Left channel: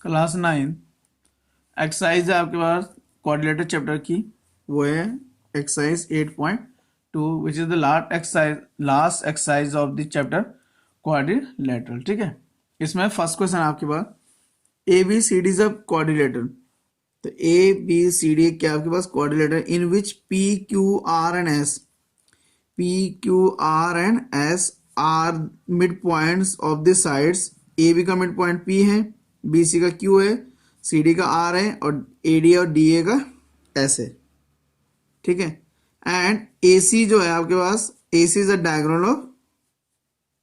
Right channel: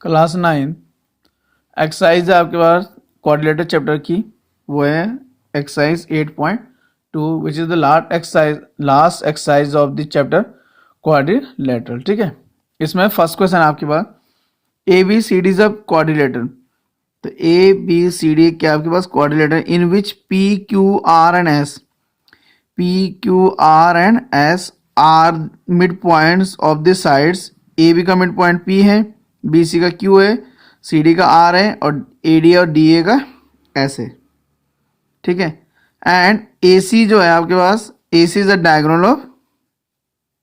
Class 9 exercise है आपके पास क्वाड्रिलेटरल चैप्टर की, वो है exercise 8.2 which is the last exercise of the chapter quadrilateral. ठीक है, इसमें फर्स्ट क्वेश्चन आपके पास A B C D is a quadrilateral. तो ए बी सी डी क्या आपके पास quadrilateral in which P Q R and S, P Q R and S are mid points of the sides. A B का mid point P है, B C का Q है, C D का are है और ए डी और D A का S है। ठीक है, एंड ए सी जो है आपके पास, A C is a diagonal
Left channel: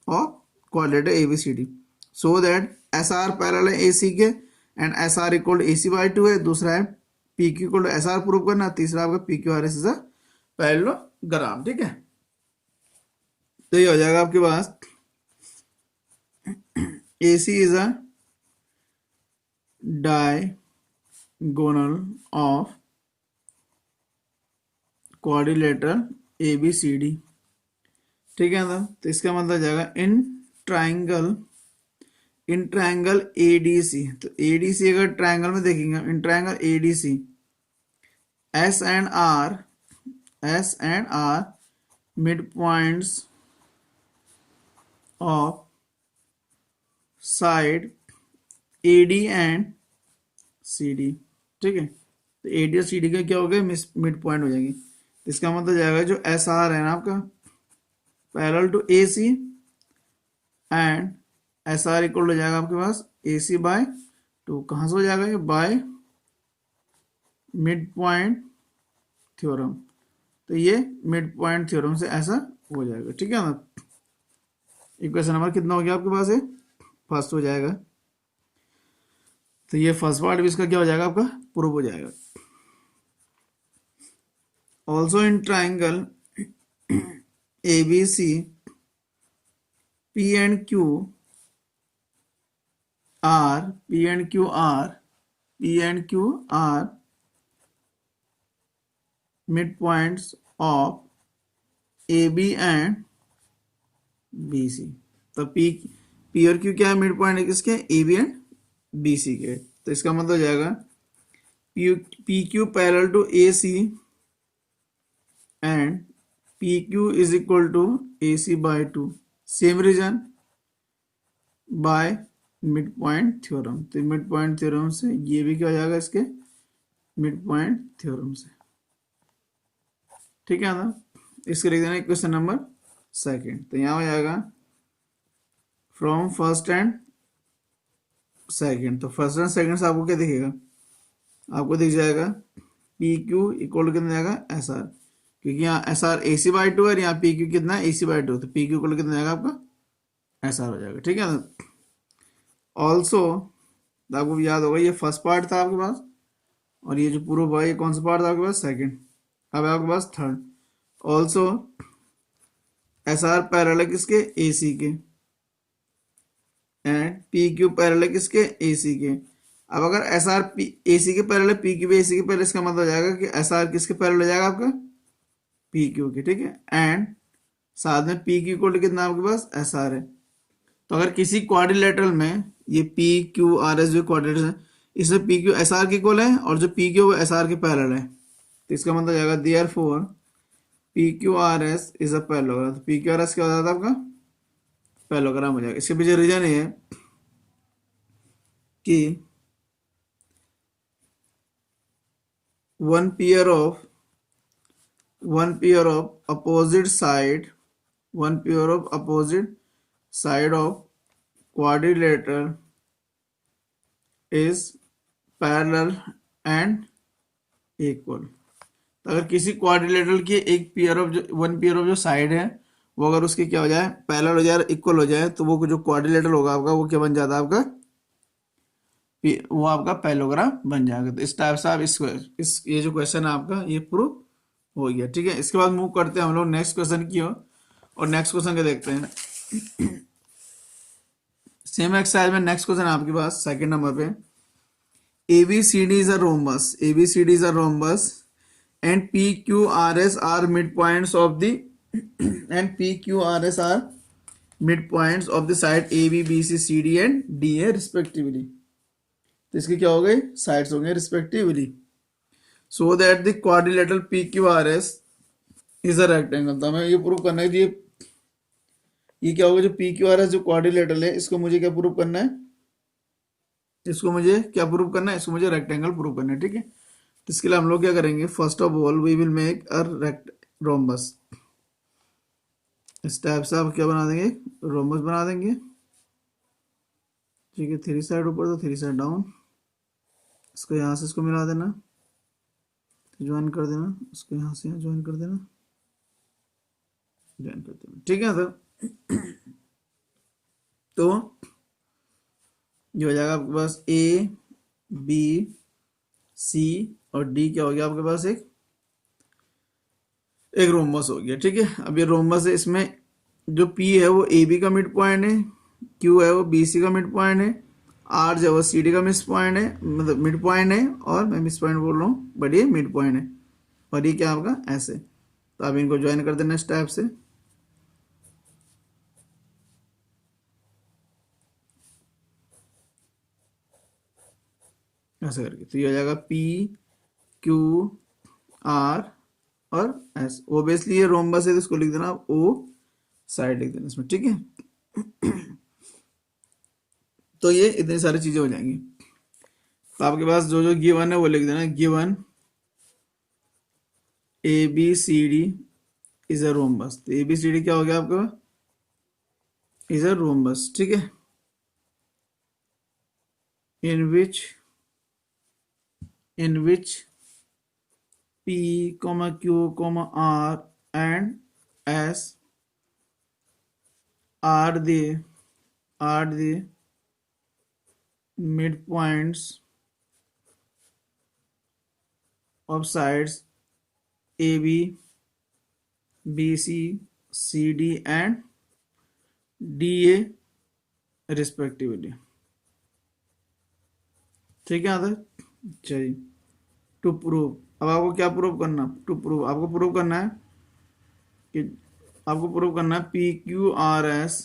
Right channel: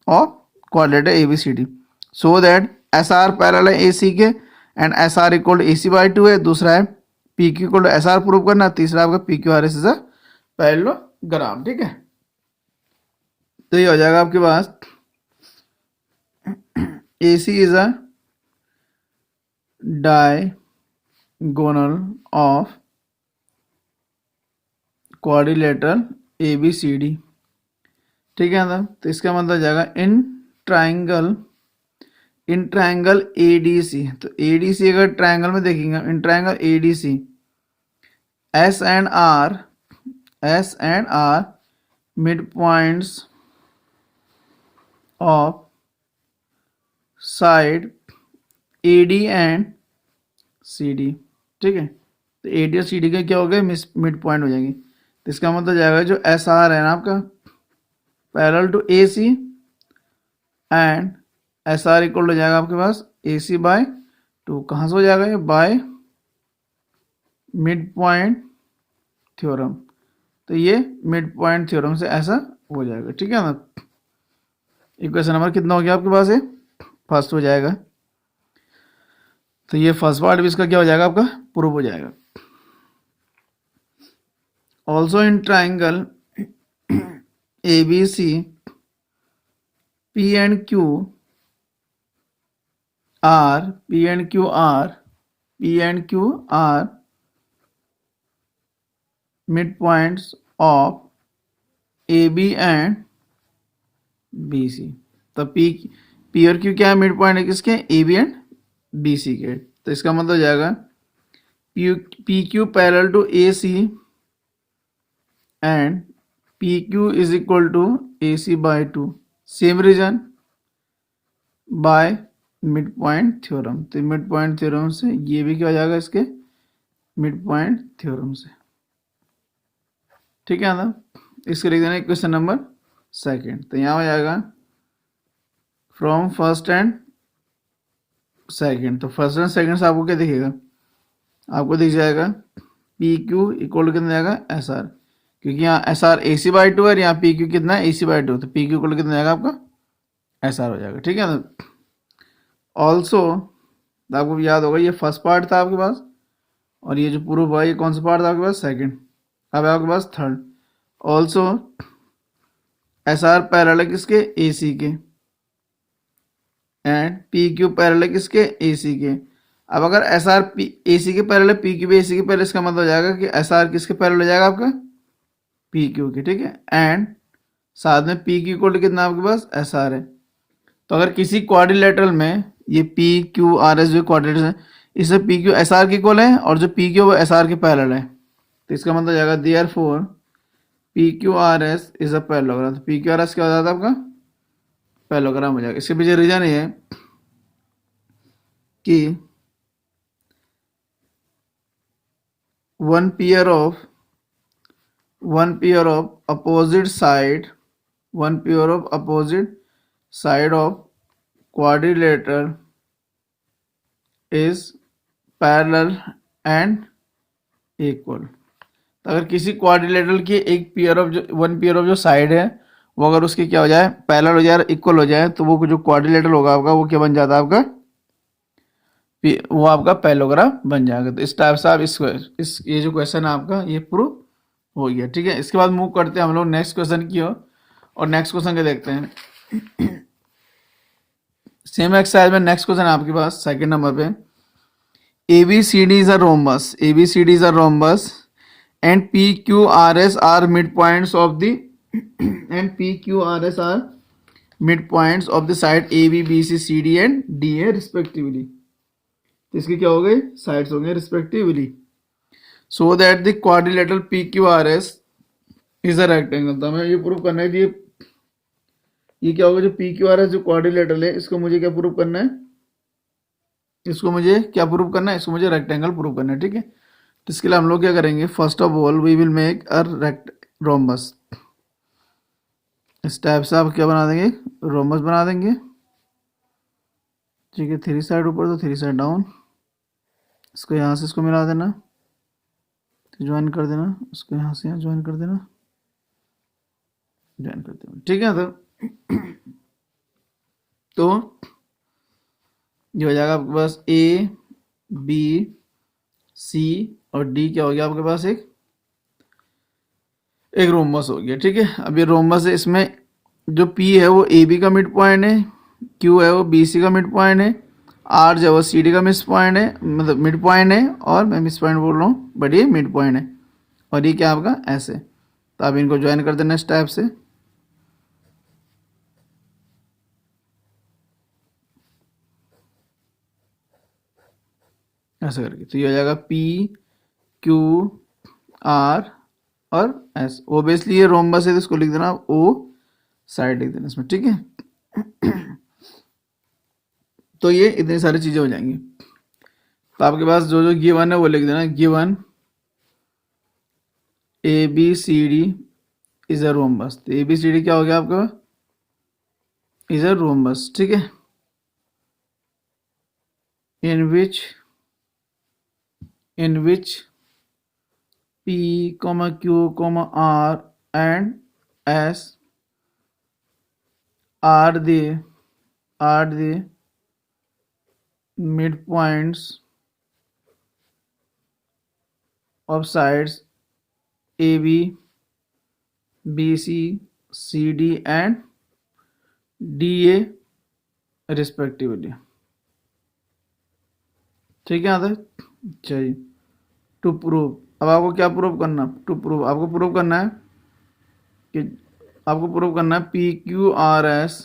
of quadrilateral A B C D, so that S R parallel है ए सी के and S R equal to A C by 2 है। दूसरा है P Q equal to S R prove करना। तीसरा आपका P Q R S is a parallelogram. ठीक है, तो ये हो जाएगा आपके पास A C is a diagonal of quadrilateral A B C D. ठीक है ना, तो इसका मतलब जाएगा इन ट्रायंगल ए डी सी। तो ए डी सी अगर ट्रायंगल में देखेंगे, in triangle A D C S and R mid points of side A D and C D. ठीक है, तो ए डी और सी डी का क्या हो गया, मिड पॉइंट हो जाएंगे। तो इसका मतलब जाएगा जो एस आर है ना आपका parallel to A C and S R equal हो जाएगा आपके पास ए सी बाय 2। कहाँ से हो जाएगा ये, बाय मिड पॉइंट थ्योरम। तो ये मिड पॉइंट थ्योरम से ऐसा हो जाएगा। ठीक है ना, इक्वेशन नंबर कितना हो गया आपके पास, ये फर्स्ट हो जाएगा। तो ये फर्स्ट पार्ट भी इसका क्या हो जाएगा, आपका प्रूव हो जाएगा। Also in triangle A B C P and Q are mid points of A B and B C. तो पी और क्यू क्या है, मिड पॉइंट है किसके, A B and B C के। तो इसका मतलब हो जाएगा P Q parallel to A C and P Q is equal to A C by 2, same reason by mid point theorem. तो मिड पॉइंट थ्योरम से ये भी क्या हो जाएगा, इसके मिड पॉइंट थ्योरम से। ठीक है ना, इसके लिख देना क्वेश्चन नंबर सेकंड। तो यहाँ हो जाएगा फ्रॉम फर्स्ट एंड सेकंड। तो फर्स्ट एंड सेकंड से आपको क्या दिखेगा, आपको दिख जाएगा पी क्यू इक्वल कितना जाएगा एस आर, क्योंकि यहाँ S R A C by 2 है, यहाँ पी क्यू कितना है ए सी बाई 2। तो पी क्यू इक्वल कितना जाएगा आपका एस आर हो जाएगा। ठीक है ना, ऑल्सो आपको याद होगा ये फर्स्ट पार्ट था आपके पास, और ये जो प्रूफ हुआ ये कौन सा पार्ट था आपके पास, सेकंड। अब आपके पास third, also S R parallel है किसके, ए सी के एंड पी क्यू पैरेलल है किसके, ए सी के। अब अगर एस आर ए सी के पैरेलल है, पी क्यू भी ए सी के पैरेलल, इसका मतलब हो जाएगा कि एस आर किसके पैरेलल हो जाएगा आपका, पी क्यू के। ठीक है, एंड साथ में पी क्यू इक्वल कितना आपके पास एस आर है। तो अगर किसी क्वाड्रिलेटरल में ये पी क्यू आर एस जो क्वाड्रिलेटरल है, इसमें पी क्यू एस आर के इक्वल है और जो पी क्यू वो एस आर के पैरेलल है, तो इसका मतलब हो जाएगा therefore P Q R S is a parallelogram. तो पी क्यू आर एस क्या हो जाता है आपका पैरेललोग्राम हो जाएगा। इसके पीछे रीजन ये है कि one pair of opposite side of quadrilateral is parallel and equal. तो अगर किसी क्वाड्रिलेटरल की वन पेयर ऑफ जो साइड है वो अगर उसके क्या हो जाए, पैरेलल हो जाए, इक्वल हो जाए, तो वो जो क्वाड्रिलेटरल होगा आपका वो क्या बन जाता है आपका, वो आपका पैरेललोग्राम बन जाएगा। तो इस टाइप से आप इस ये जो क्वेश्चन है आपका ये प्रूव हो गया। ठीक है, इसके बाद मूव करते हैं हम लोग नेक्स्ट क्वेश्चन की ओर, और नेक्स्ट क्वेश्चन क्या देखते हैं। सेम एक्सरसाइज में नेक्स्ट क्वेश्चन आपके पास सेकंड नंबर पे, ABCD is a rhombus and PQRS are midpoints of the side AB, BC, CD and DA respectively. तो इसकी क्या हो गई, साइड्स हो गए respectively. So that the quadrilateral P Q R S is a rectangle. तो हमें ये प्रूव करना है, ये क्या होगा, जो पी क्यू आर एस जो क्वाड्रिलेटरल है, इसको मुझे क्या प्रूव करना है, इसको मुझे क्या प्रूव करना है, इसको मुझे रेक्टेंगल प्रूव करना है, ठीक है। तो इसके लिए हम लोग क्या करेंगे, first of all we will make a rhombus. इस टाइप से आप क्या बना देंगे, रोम्बस बना देंगे, ठीक है। 3 साइड ऊपर तो 3 साइड डाउन, इसको यहाँ से इसको मिला देना, ज्वाइन कर देना, उसको यहाँ से यहाँ ज्वाइन कर देना, ज्वाइन कर देना, ठीक है। तो ये हो जाएगा आपके पास ए बी सी और डी, क्या हो गया आपके पास, एक रोम्बस हो गया, ठीक है। अब ये रोम्बस है, इसमें जो पी है वो ए बी का मिड पॉइंट है, क्यू है वो बी सी का मिड पॉइंट है, आर जो है वो सी डी का मिस पॉइंट है, मतलब मिड पॉइंट है, और मैं मिस पॉइंट बोल रहा हूँ बट ये मिड पॉइंट है, और ये क्या आपका ऐसे। तो आप इनको ज्वाइन कर देना इस टाइप से, ऐसे करके। तो ये हो जाएगा पी क्यू आर और एस। ओबियसली ये रोम्बस है तो इसको लिख देना ओ साइड लिख देना इसमें, ठीक है। तो ये इतनी सारी चीजें हो जाएंगी। तो आपके पास जो जो गिवन है वो लिख देना, given A B C D is a rhombus. तो ए बी सी डी क्या हो गया आपका, इज अ रोम्बस, ठीक है। इन विच P, Q, R and S are the midpoints of sides AB, BC, CD and DA respectively, ठीक है। यहाँ तक चलिए। टू प्रूव, अब आपको क्या प्रूव करना, टू प्रूव आपको प्रूव करना है कि आपको प्रूव करना है P Q R S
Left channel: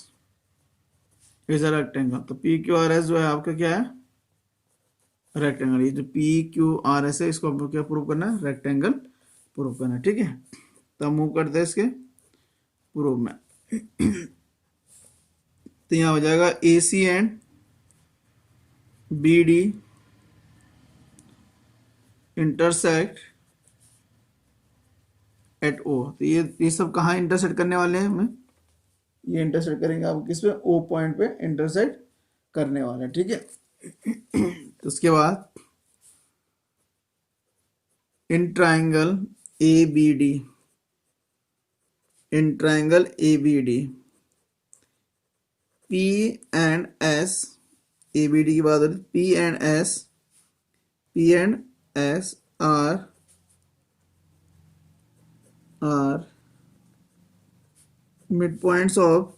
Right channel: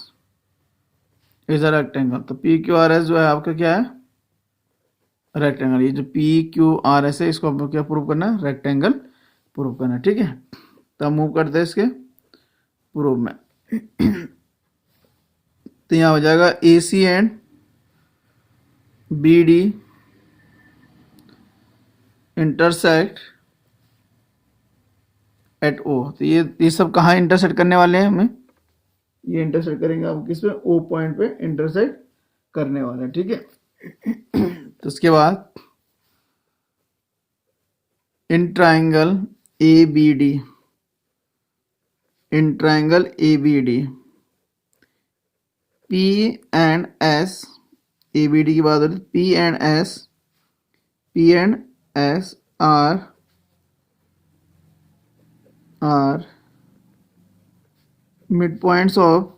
is a rectangle. तो पी क्यू आर एस जो है आपका क्या है, रेक्टेंगल। ये जो पी क्यू आर एस है इसको आपको क्या प्रूव करना है, रेक्टेंगल प्रूव करना है, ठीक है। तो हम मूव करते हैं इसके प्रूव में। तो यहाँ हो जाएगा A C and B D intersect at O. तो ये सब कहाँ इंटरसेक्ट करने वाले हैं, हमें ये इंटरसेक्ट करेंगे आप किस पे, ओ पॉइंट पे इंटरसेक्ट करने वाले हैं, ठीक है। तो उसके बाद in triangle A B D, in triangle A B D P and S, A B D की बात हो रही, P and S are mid points of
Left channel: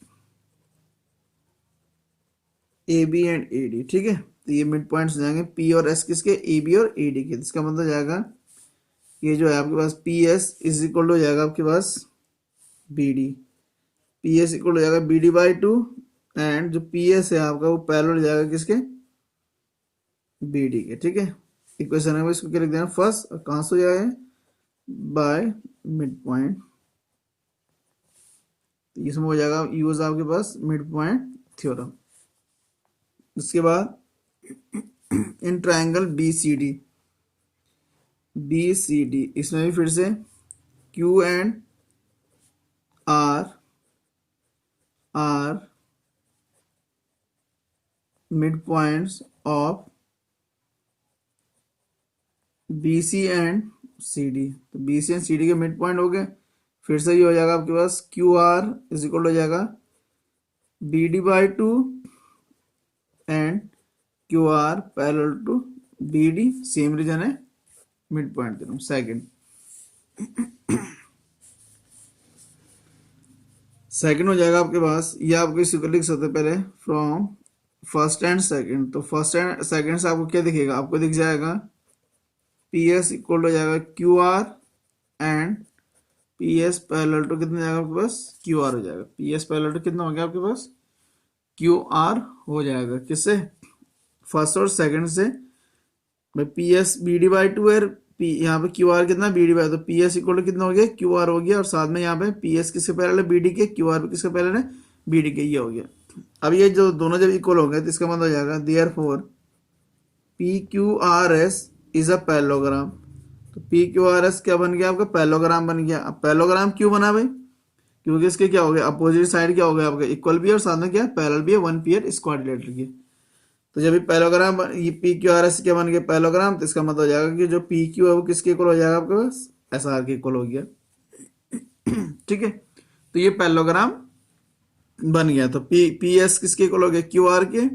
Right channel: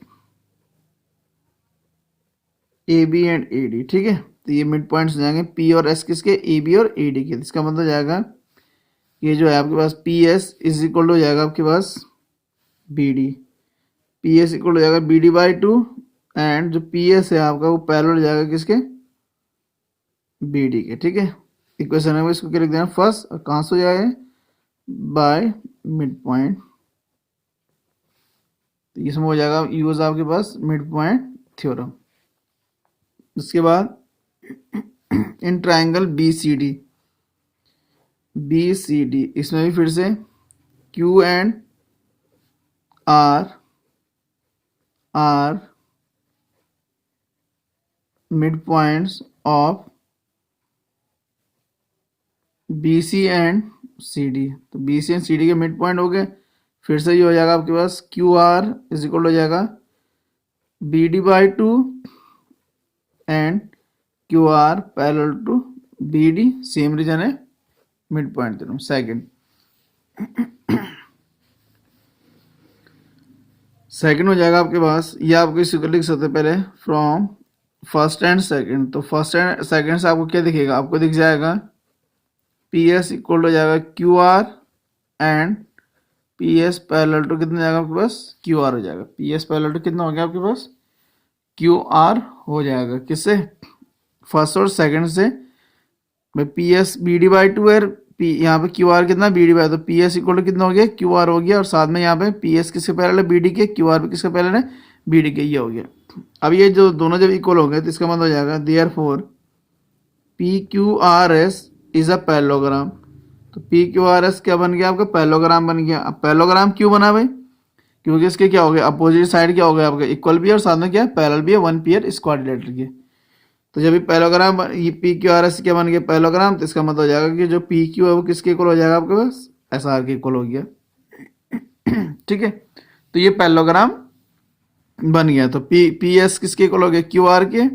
A B and A D, ठीक है। तो ये मिड पॉइंट्स हो जाएंगे पी और एस किसके, ए बी और ए डी के। इसका मतलब जाएगा ये जो है आपके पास पी एस इज इक्वल हो जाएगा आपके पास B D, P S equal हो जाएगा बी डी बाई 2, एंड जो पी एस है आपका वो पैरेलल हो जाएगा किसके, बी डी के, ठीक है। इक्वेशन है इसको क्या लिख देना फर्स्ट, और कहाँ से हो जाएगा, बाय मिड पॉइंट। तो इसमें हो जाएगा यूज आपके पास मिड पॉइंट थ्योरम। उसके बाद in triangle B C D, इसमें भी फिर से Q and R mid points of B C and C D. तो B C and C D के मिड पॉइंट हो गए। फिर से ये हो जाएगा आपके पास क्यू आर इज इक्वल हो जाएगा B D by 2 and Q R parallel to B D, same reason है, मिड पॉइंट दे रहा हूँ सेकेंड। सेकेंड हो जाएगा आपके पास, ये आपको इसी को लिख सकते पहले फ्रॉम फर्स्ट एंड सेकेंड। तो फर्स्ट एंड सेकेंड से आपको क्या दिखेगा, आपको दिख जाएगा पी एस इक्वल हो जाएगा Q R and P S parallel to कितना जाएगा आपके पास, क्यू आर हो जाएगा। पी एस पैरेलल टू कितना हो गया आपके पास, क्यू आर हो जाएगा, किससे, फर्स्ट और सेकंड से भाई P S B D by two है, पी यहाँ पे क्यू आर कितना बी डी बाई, तो पी एस इक्वल टू कितना हो गया क्यू आर हो गया, और साथ में यहाँ पे पी एस किसके पैरेलल है बी डी के, क्यू आर भी किसके पैरेलल है बी डी के, ये हो गया। अब ये जो दोनों जब इक्वल हो गए तो इसका मतलब हो जाएगा therefore P Q R S is a parallelogram. तो पी क्यू आर एस क्या बन गया आपका पैरेललोग्राम बन गया। अब पैरेललोग्राम क्यों बना भाई, क्योंकि इसके क्या हो गया अपोजिट साइड क्या हो गया आपका इक्वल भी है और साथ में क्या पैरेलल भी है, वन पेयर क्वाड्रिलेटरल के। तो जब ये पैरेललोग्राम ये पी क्यू आर एस क्या बन गया पैरेललोग्राम, तो इसका मतलब हो जाएगा कि जो पी क्यू है वो किसके इक्वल हो जाएगा आपके पास एस आर के इक्वल हो गया। ठीक है, तो ये पैरेललोग्राम बन गया। तो पी एस किसके इक्वल हो गया क्यू आर के,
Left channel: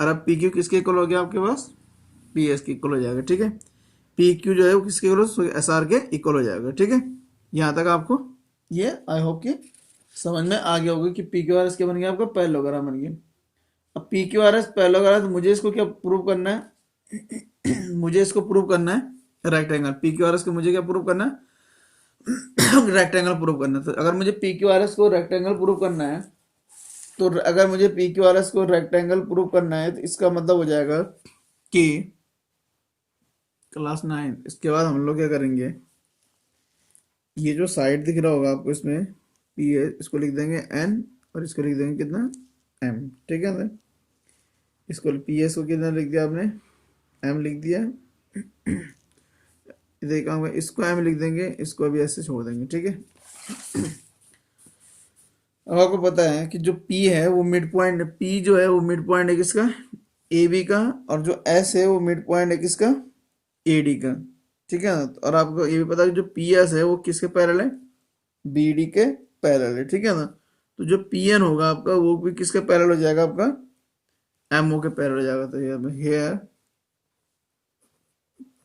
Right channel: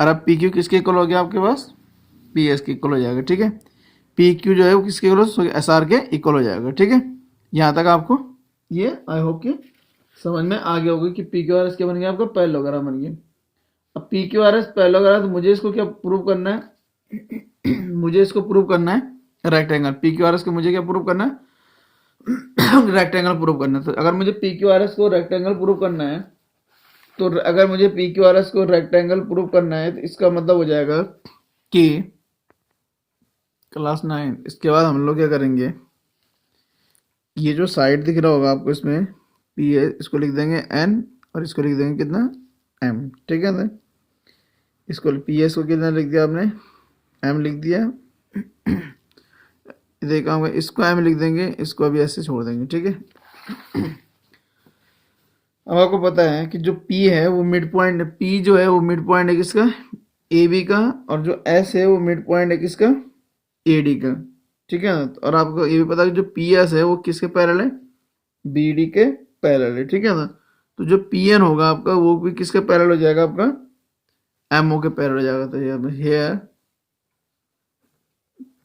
और अब पी क्यू किसके इक्वल हो गया आपके पास पी एस के इक्वल हो जाएगा। ठीक है, पी क्यू जो है वो किसके इक्वल हो एस आर के इक्वल हो जाएगा। ठीक है, यहाँ तक आपको ये आई होप कि समझ में आ गया होगा कि पी क्यू आर एस क्या बन गया आपका पैरेललोग्राम बन गया। अब P Q R S parallelogram, तो मुझे इसको क्या प्रूव करना है मुझे इसको प्रूव करना है rectangle. P Q R S को मुझे क्या प्रूव करना है रेक्टेंगल प्रूव करना है। तो अगर मुझे पी क्यू आर एस को रेक्टेंगल प्रूव करना है, तो अगर मुझे पी क्यू आर एस को रेक्टेंगल प्रूव करना है तो इसका मतलब हो जाएगा कि क्लास 9 इसके बाद हम लोग क्या करेंगे, ये जो साइड दिख रहा होगा आपको इसमें पी है इसको लिख देंगे एन और इसको लिख देंगे कितना एम। ठीक है ना, इसको पी एस को कितना लिख दिया आपने एम लिख दिया, देखा इसको एम लिख देंगे, इसको अभी ऐसे छोड़ देंगे। ठीक है, अब आपको पता है कि जो P है वो मिड पॉइंट, P जो है वो मिड पॉइंट है किसका ए बी का, और जो S है वो मिड पॉइंट है किसका ए डी का। ठीक है ना, और आपको ये भी पता है कि जो पी एस है वो किसके पैरेलल है बी डी के पैरेलल है। ठीक है ना, तो जो पी एन होगा आपका वो भी किसके पैरेलल हो जाएगा आपका एम ओ के पैरेलल हो जाएगा। तो ये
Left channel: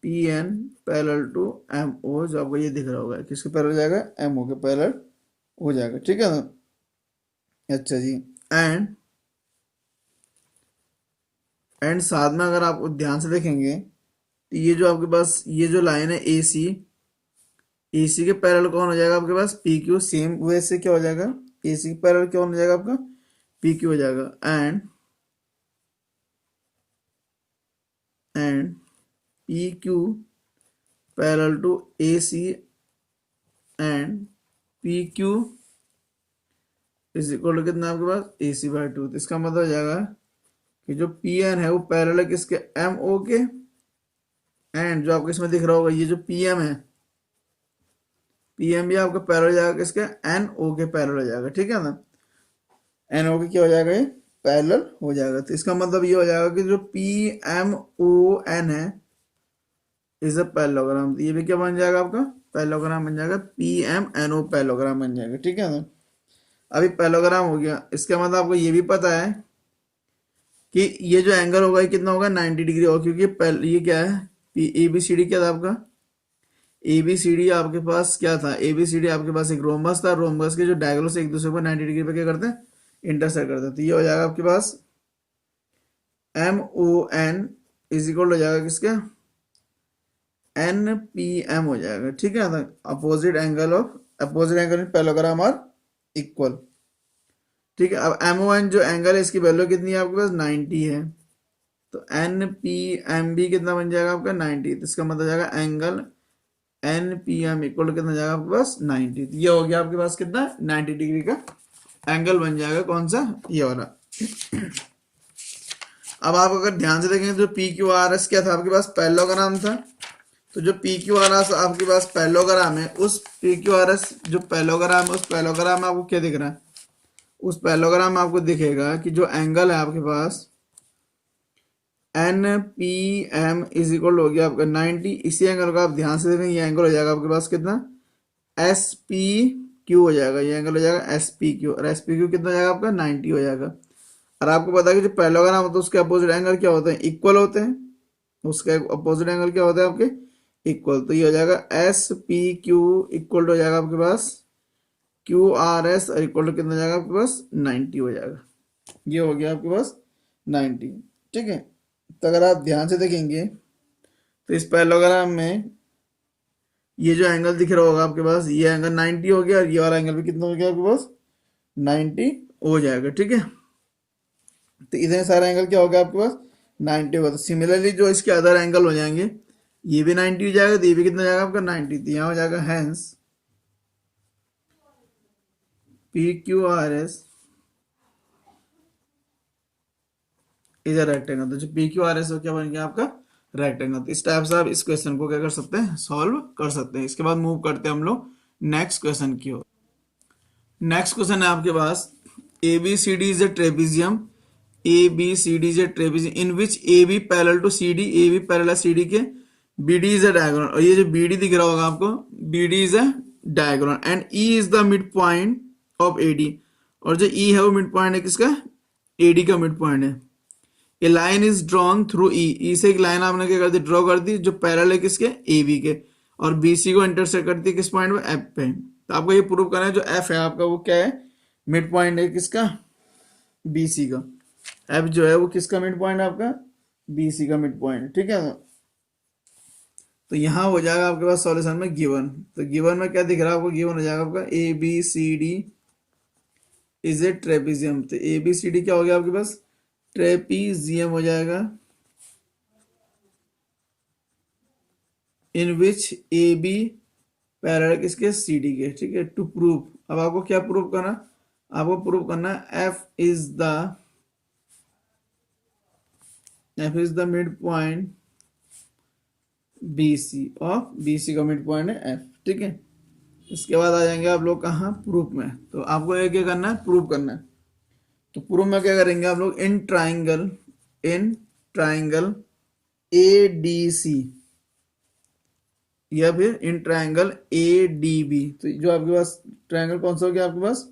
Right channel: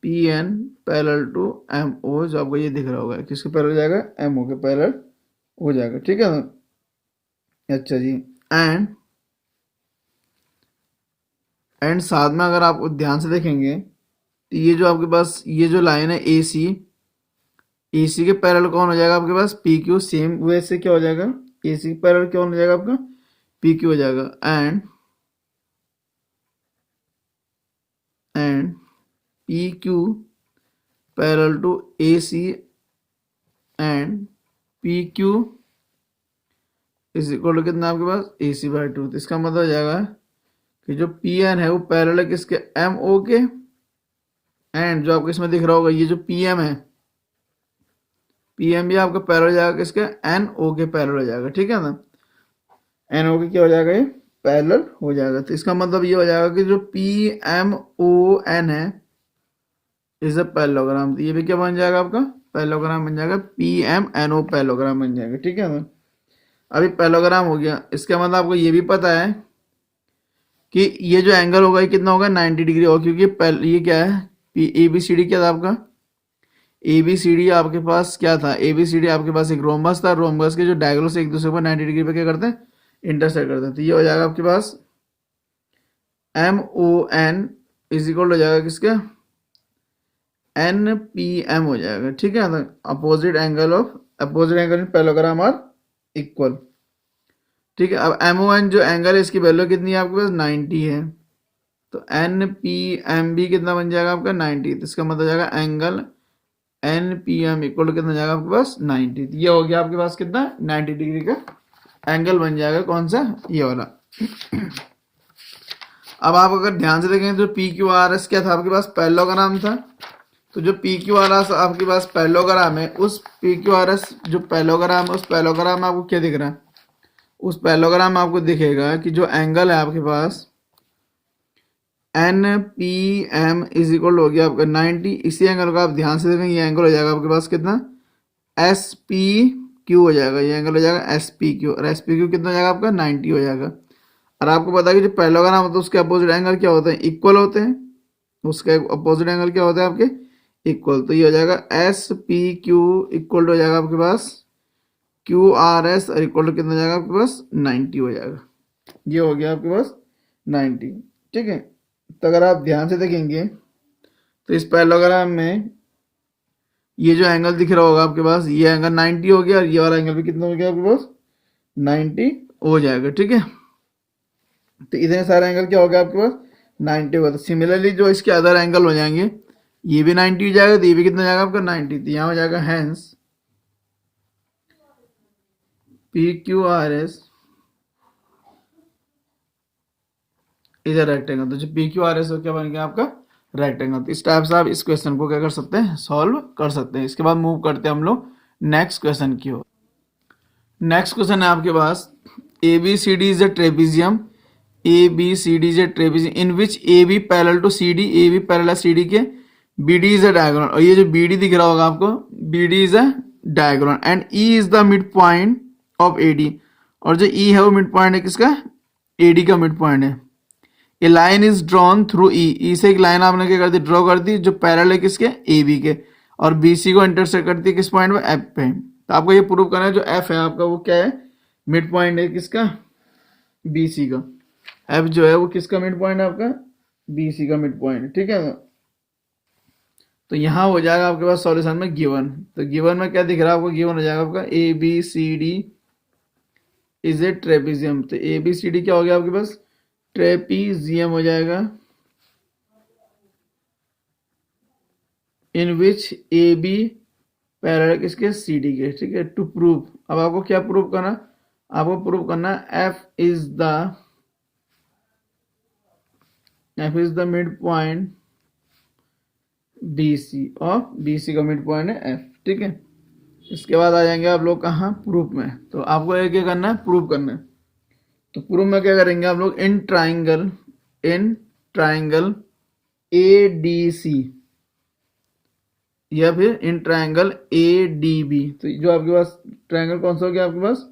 P N parallel to M O, जो आपको ये दिख रहा होगा किसके पैरेलल हो जाएगा एम ओ के पैरेलल हो जाएगा। ठीक है ना, अच्छा जी, एंड साथ में अगर आप ध्यान से देखेंगे तो ये जो आपके पास ये जो लाइन है ए सी के पैरेलल कौन हो जाएगा आपके पास पी क्यू, सेम वैसे क्या हो जाएगा ए सी के पैरेलल कौन हो जाएगा आपका पी क्यू हो जाएगा। And P Q parallel to A C and P Q is equal to कितना आपके पास ए सी बाई टू। तो इसका मतलब हो जाएगा कि जो पी एन है वो पैरेलल है किसके एम ओ के, एंड जो आपको इसमें दिख रहा होगा ये जो पी एम है पी एम भी आपका पैरेलल हो जाएगा किसके एन ओ के पैरेलल हो जाएगा। ठीक है ना, एन ओ के क्या हो जाएगा ये पैरेलल हो जाएगा। तो इसका मतलब ये हो जाएगा कि जो पी एम ओ एन है इज अ पैरेललोग्राम, तो ये भी क्या बन जाएगा आपका पैरेललोग्राम बन जाएगा P M N O parallelogram बन जाएगा। ठीक है ना, अभी पैरेललोग्राम हो गया, इसका मतलब आपको ये भी पता है कि ये जो एंगल होगा ये कितना होगा 90 डिग्री होगा, क्योंकि ये क्या है ए बी सी डी क्या था आपका ए बी सी डी आपके पास क्या था ए बी सी डी आपके पास एक रोमबस था, रोमबस के जो डायगोनल से एक दूसरे पर 90 डिग्री पे क्या करते हैं इंटरसेक्ट करते हैं। तो ये हो जाएगा आपके पास M O N is equal हो जाएगा किसका एन पी एम हो जाएगा। ठीक है ना, opposite angle in parallelogram are equal. ठीक है, अब एम ओ एन जो एंगल है इसकी वैल्यू कितनी है आपके पास 90 है, तो एन पी एम भी कितना बन जाएगा आपका 90। तो इसका मतलब जाएगा angle N P M equal कितना जाएगा आपके पास 90। तो ये हो गया आपके पास कितना 90 डिग्री का एंगल बन जाएगा, कौन सा ये वाला। अब आप अगर ध्यान से देखेंगे तो पी क्यू आर एस क्या था आपके पास पैरेललोग्राम था, तो जो पी क्यू आर एस आपके पास पैरेललोग्राम है उस पी क्यू आर एस जो पैरेललोग्राम है उस पैरेललोग्राम में आपको क्या दिख रहा है उस पैरेललोग्राम में आपको दिखेगा कि जो एंगल है आपके पास N P M is equal हो गया आपका 90। इसी एंगल का आप ध्यान से देखेंगे ये एंगल हो जाएगा आपके पास कितना एस पी क्यू हो जाएगा, ये एंगल हो जाएगा एस पी क्यू, और एस पी क्यू कितना हो जाएगा आपका 90 हो जाएगा। और आपको पता है कि जो पैरेललोग्राम होता है उसके अपोजिट एंगल क्या होते हैं इक्वल होते हैं, उसका अपोजिट एंगल क्या होता है आपके इक्वल। तो ये हो जाएगा एस पी क्यू इक्वल हो जाएगा आपके पास क्यू आर एस और इक्वल टू कितना जाएगा आपके पास 90 हो जाएगा। ये हो गया आपके पास 90। ठीक है, तो अगर आप ध्यान से देखेंगे तो इस पैरेललोग्राम में ये जो एंगल दिख रहा होगा आपके पास ये एंगल 90 हो गया और ये वाला एंगल भी कितना हो गया आपके पास 90 हो जाएगा। ठीक है, तो इतने सारे एंगल क्या हो गया आपके पास 90 होगा। तो सिमिलरली जो इसके अदर एंगल हो जाएंगे, ये भी 90 हो जाएगा, तो ये भी कितना जाएगा आपका 90। तो यहाँ हो जाएगा hence P Q R S is a rectangle. तो जो पी क्यू आर एस क्या बन गया आपका रेक्टेंगल। तो इस टाइप से आप इस क्वेश्चन को क्या कर सकते हैं, सॉल्व कर सकते हैं। इसके बाद मूव करते हैं हम लोग नेक्स्ट क्वेश्चन की ओर। नेक्स्ट क्वेश्चन है आपके पास, A B C D is a trapezium, A B C D is a trapezium in which A B parallel to C D, A B parallel C D के, B D is a diagonal. और ये जो B D दिख रहा होगा आपको, B D is a diagonal and E is the mid point of A D. और जो ई है वो मिड पॉइंट है किसका, ए डी का मिड पॉइंट है। ए लाइन इज ड्रॉन थ्रू ई, ई से एक लाइन आपने क्या कर दी, ड्रॉ कर दी, जो पैरेलल है किसके, ए बी के, और बी सी को इंटरसेक्ट करती है किस पॉइंट पे, एफ पे। तो आपको ये प्रूव करना है जो एफ है आपका वो क्या है, मिड पॉइंट है किसका, बी सी का। एफ जो है वो किसका मिड पॉइंट है आपका, बी सी का मिड पॉइंट, ठीक है। तो यहाँ हो जाएगा आपके पास सॉल्यूशन में गिवन। तो गिवन में क्या दिख रहा है आपको, गिवन हो जाएगा आपका A B C D is a trapezium. तो ए बी सी डी क्या हो गया आपके पास, ट्रेपिजियम हो जाएगा, इन विच ए बी पैरेलल किसके, सी डी के, ठीक है। टू प्रूव, अब आपको क्या प्रूव करना, आपको प्रूव करना F is the mid point B C, और बी सी का मिड पॉइंट है एफ, ठीक है। इसके बाद आ जाएंगे आप लोग कहाँ, प्रूफ में। तो आपको ये क्या करना है, प्रूव करना है। तो प्रूफ में क्या करेंगे आप लोग, इन ट्राइंगल ए डी सी, या फिर in triangle A D B. तो जो आपके पास ट्राइंगल कौन सा हो गया आपके पास,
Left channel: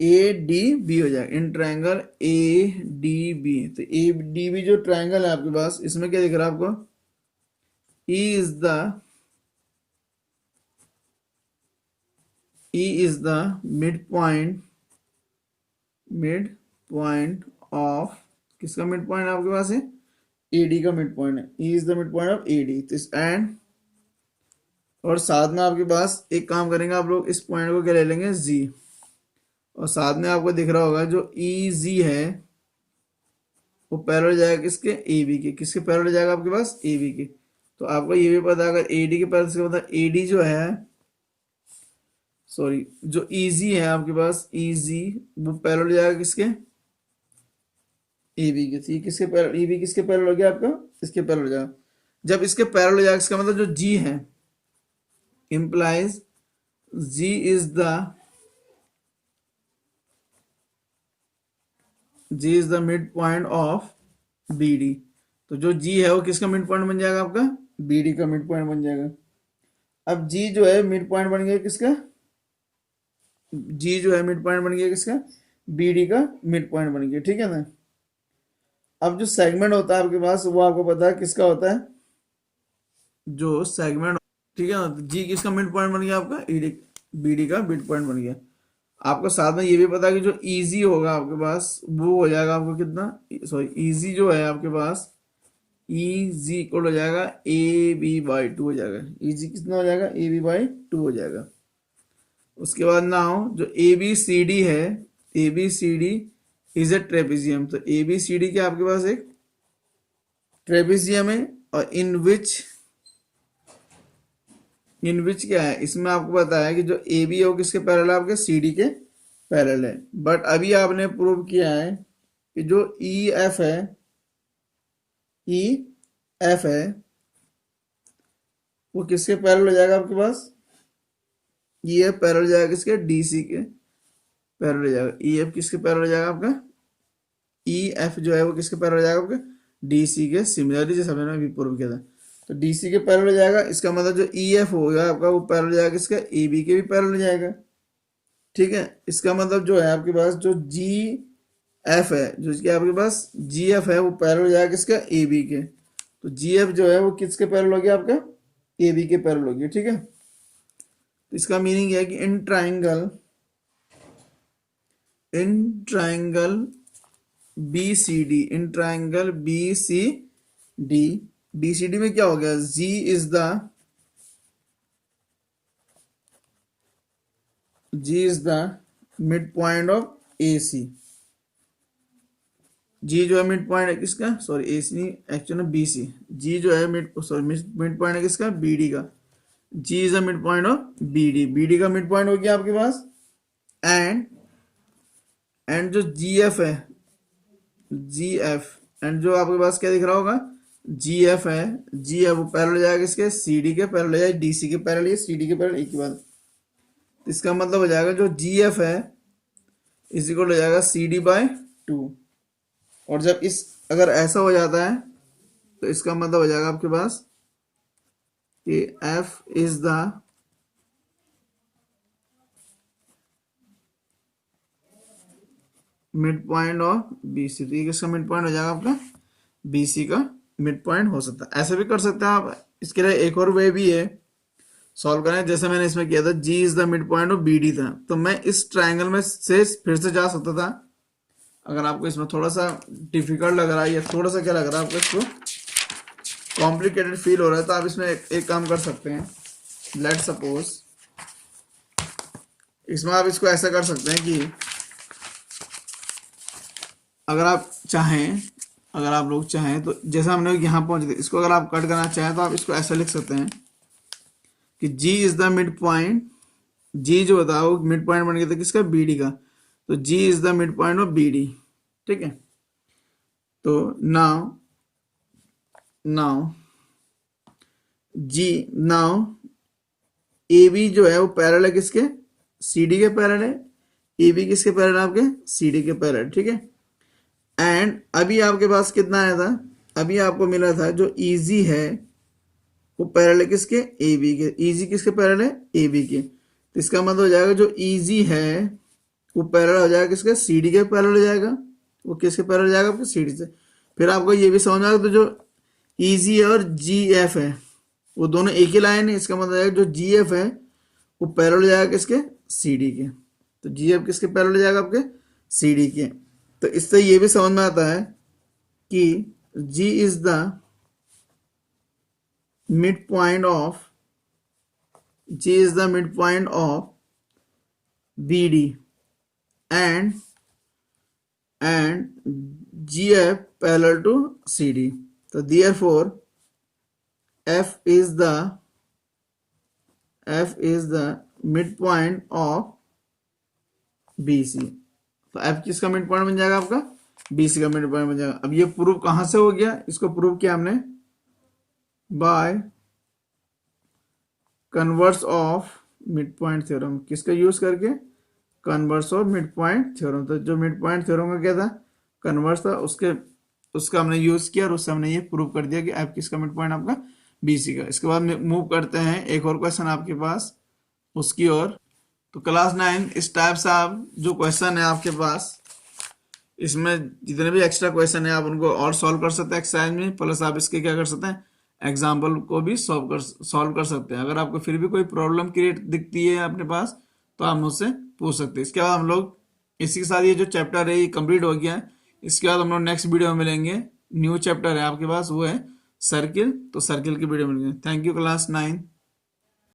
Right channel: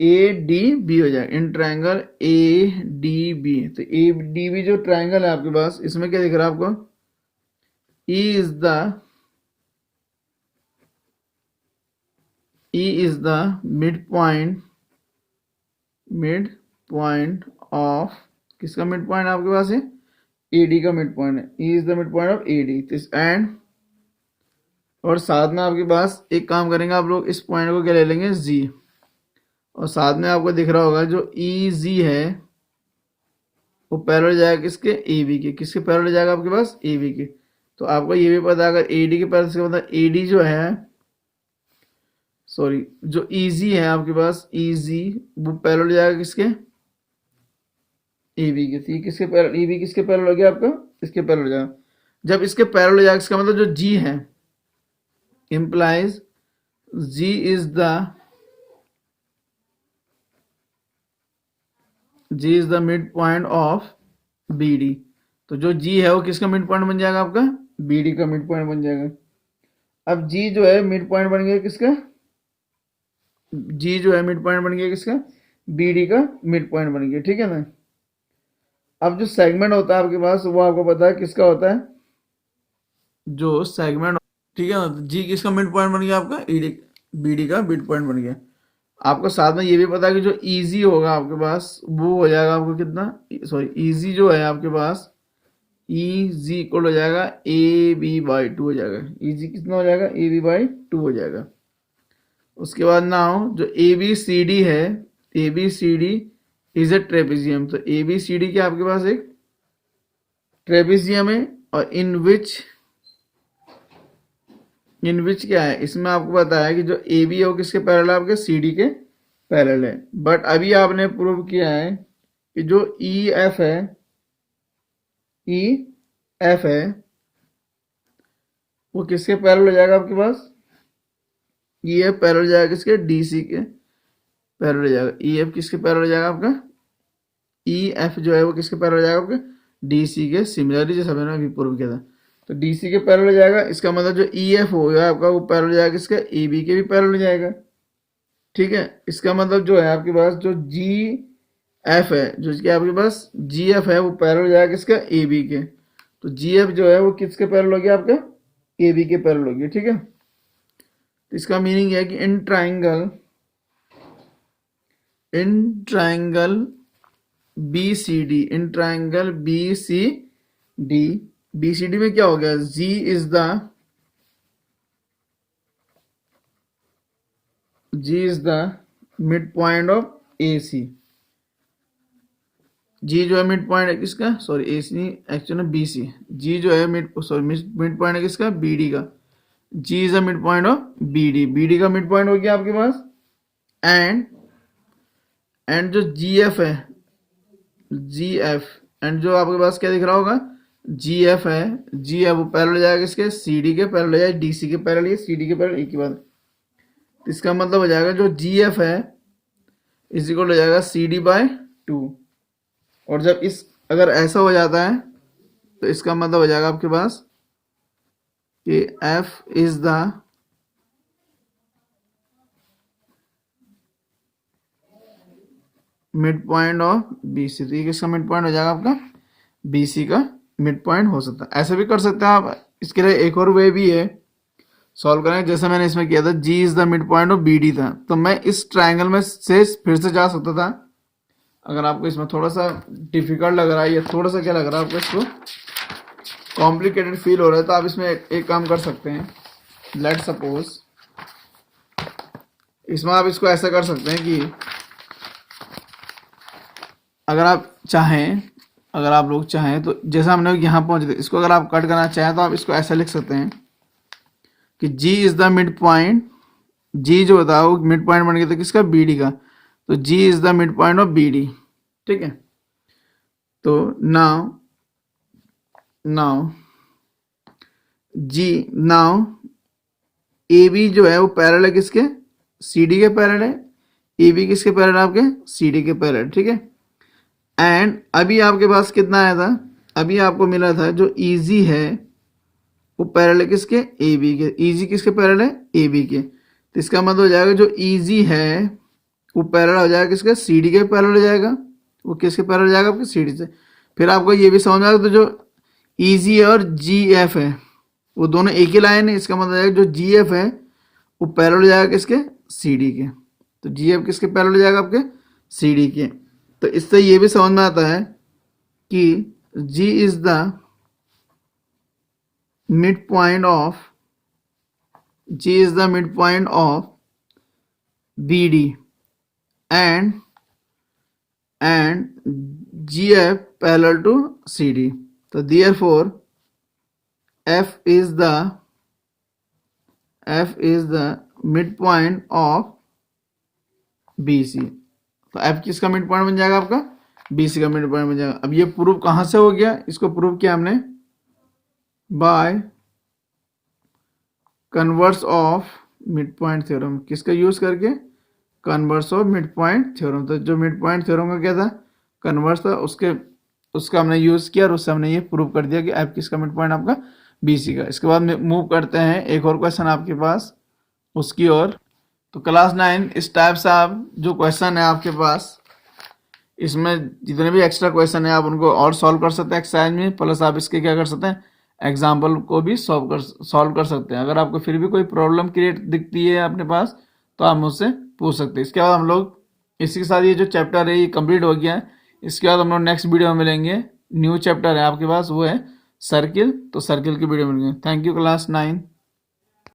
ए डी बी हो जाएगा, in triangle A D B. तो ए डी बी जो ट्राइंगल है आपके पास, इसमें क्या दिख रहा है आपको, E is the E is the mid point of, किसका मिड पॉइंट आपके पास है, AD का मिड पॉइंट है। E is the mid point of AD। And और साथ में आपके पास एक काम करेंगे आप लोग, इस पॉइंट को क्या ले लेंगे, Z। और साथ में आपको दिख रहा होगा जो EZ है वो पैरेलल जाएगा किसके, AB के, किसके पैरेलल जाएगा आपके पास, AB के। तो आपको ये भी पता है अगर AD के पैरेलल से मतलब AD जो है, सॉरी जो इजी है आपके पास, इजी वो पैरेलल जाएगा किसके, ए बी के। तो ये किसके पैरेलल, ए बी किसके पैरेलल हो गया आपका, इसके पैरेलल हो जाएगा। जब इसके पैरेलल हो जाएगा इसका मतलब जो जी है, implies G is the mid point of B D. तो जो जी है वो किसका मिड पॉइंट बन जाएगा आपका, बी डी का मिड पॉइंट बन जाएगा। अब जी जो है मिड पॉइंट बन गया किसका, जी जो है मिड पॉइंट बन गया किसका, बी डी का मिड पॉइंट बन गया, ठीक है ना। अब जो सेगमेंट होता है आपके पास वो आपको पता है किसका होता है, जो सेगमेंट, ठीक है ना। तो जी किसका मिड पॉइंट बन गया आपका, ईडी, बी डी का मिड पॉइंट बन गया। आपको साथ में ये भी पता है कि जो इजी होगा आपके पास वो हो जाएगा आपको कितना, सॉरी इजी जो है आपके पास, इजी इक्वल हो जाएगा ए बी बाई टू हो जाएगा। इजी कितना हो जाएगा, ए बी बाई टू हो जाएगा। उसके बाद नाउ जो ए बी सी डी है, A B C D is a trapezium. तो ए बी सी डी क्या आपके पास एक ट्रेपिजियम है, और इन विच क्या है, इसमें आपको पता है कि जो ए बी है वो किसके पैरेलल है, आपके सी डी के पैरेलल है। बट अभी आपने प्रूव किया है कि जो ई एफ है वो किसके पैरेलल हो जाएगा आपके पास, ई एफ पैरेलल हो जाएगा किसके, डी सी के पैरेलल हो जाएगा। ई एफ किसके पैरेलल हो जाएगा आपका, ई एफ जो है वो किसके पैरेलल हो जाएगा आपका, डी सी के। सिमिलरली जैसे हमने अभी प्रूव किया था, तो डी सी के पैरेलल हो जाएगा। इसका मतलब जो ई एफ होगा आपका वो पैरेलल हो जाएगा किसका, ए बी के भी पैरेलल हो जाएगा, ठीक है। इसका मतलब जो है आपके पास जो जी एफ है, जो कि आपके पास जी एफ है वो पैरेलल हो जाएगा किसका, ए बी के। तो जी एफ जो है वो किसके पैरेलल हो गया आपका, ए बी के पैरेलल हो गया, ठीक है। तो इसका मीनिंग है कि in triangle B C D, in triangle B C D, B C D में क्या हो गया, G is the mid point of A C. G जो है मिड पॉइंट है किसका, सॉरी ए सी नहीं, एक्चुअली बी सी। जी जो है मिड पॉइंट है किसका, बी डी का। G is a mid point of B D, B D का मिड पॉइंट हो गया आपके पास। एंड जो जी एफ है, जी एफ, एंड जो आपके पास क्या दिख रहा होगा, जी एफ है, जी एफ वो पैरेलल हो जाएगा किसके, सी डी के पैरेलल हो जाएगा, डी सी के पैरेलल, ये सी डी के पैरेलल एक ही बात। तो इसका मतलब हो जाएगा जो जी एफ है इस इक्वल हो जाएगा सी डी बाय 2। और जब इस अगर ऐसा हो जाता है तो इसका मतलब हो जाएगा आपके पास कि F is the mid point of B C. तो ये किसका मिड पॉइंट हो जाएगा आपका, बी सी का मिड पॉइंट हो सकता है। ऐसे भी कर सकते हैं आप। इसके लिए एक और वे भी है सॉल्व करें, जैसे मैंने इसमें किया था, G is the mid point of B D था, तो मैं इस ट्राइंगल में से फिर से जा सकता था। अगर आपको इसमें थोड़ा सा डिफिकल्ट लग रहा है या थोड़ा सा क्या लग रहा है आपको, इसको कॉम्प्लिकेटेड फील हो रहा है, तो आप इसमें एक काम कर सकते हैं। लेट सपोज इसमें आप इसको ऐसा कर सकते हैं कि अगर आप चाहें, अगर आप लोग चाहें तो जैसा हमने यहाँ पहुंचे थे, इसको अगर आप कट करना चाहें तो आप इसको ऐसा लिख सकते हैं कि G is the mid point, G जो होता है वो मिड पॉइंट बन गया था किसका, बी डी का। तो G is the mid point of B D, ठीक है। तो नाउ ए बी जो है वो पैरेलल है किसके, सी डी के पैरेलल है। ए बी किसके पैरेलल है आपके, सी डी के पैरेलल, ठीक है। एंड अभी आपके पास कितना आया था, अभी आपको मिला था जो ईजी है वो पैरेलल है किसके, ए बी के। ईजी किसके पैरेलल है, ए बी के। तो इसका मतलब हो जाएगा जो ईजी है वो पैरेलल हो जाएगा किसके, सी डी के पैरेलल हो जाएगा। वो किसके पैरेलल हो जाएगा, आपके सी डी से। फिर आपको ये भी समझ में आएगा, तो जो ईजी है और जी एफ है वो दोनों एक ही लाइन है। इसका मतलब है जो जी एफ है वो पैरेलल हो जाएगा किसके, सी डी के। तो जी एफ किसके पैरेलल हो जाएगा, आपके सी डी के। तो इससे ये भी समझ में आता है कि G is the mid point of B D and G F parallel to C D. तो therefore F is the midpoint of BC। तो F किसका मिड पॉइंट बन जाएगा, आपका BC का मिड पॉइंट बन जाएगा। अब ये प्रूव कहां से हो गया, इसको प्रूव किया हमने by converse of mid point theorem. किसका यूज करके, converse of mid point theorem. तो जो मिड पॉइंट थ्योरम का क्या था, कन्वर्स था, उसका हमने यूज किया और उससे हमने ये प्रूव कर दिया कि F किसका मिड पॉइंट आपका BC का। इसके बाद मूव करते हैं एक और क्वेश्चन आपके पास उसकी ओर। तो क्लास 9 इस टाइप से आप जो क्वेश्चन है आपके पास, इसमें जितने भी एक्स्ट्रा क्वेश्चन है आप उनको और सॉल्व कर सकते हैं एक्सरसाइज में, प्लस आप इसके क्या कर सकते हैं, एग्जाम्पल को भी सॉल्व कर सकते हैं। अगर आपको फिर भी कोई प्रॉब्लम क्रिएट दिखती है अपने पास तो आप मुझसे पूछ सकते हैं। इसके बाद हम लोग इसी के साथ ये जो चैप्टर है ये कंप्लीट हो गया है। इसके बाद हम लोग नेक्स्ट वीडियो में मिलेंगे। न्यू चैप्टर है आपके पास वो है सर्किल, तो सर्किल की वीडियो मिलेंगे। Thank you class 9।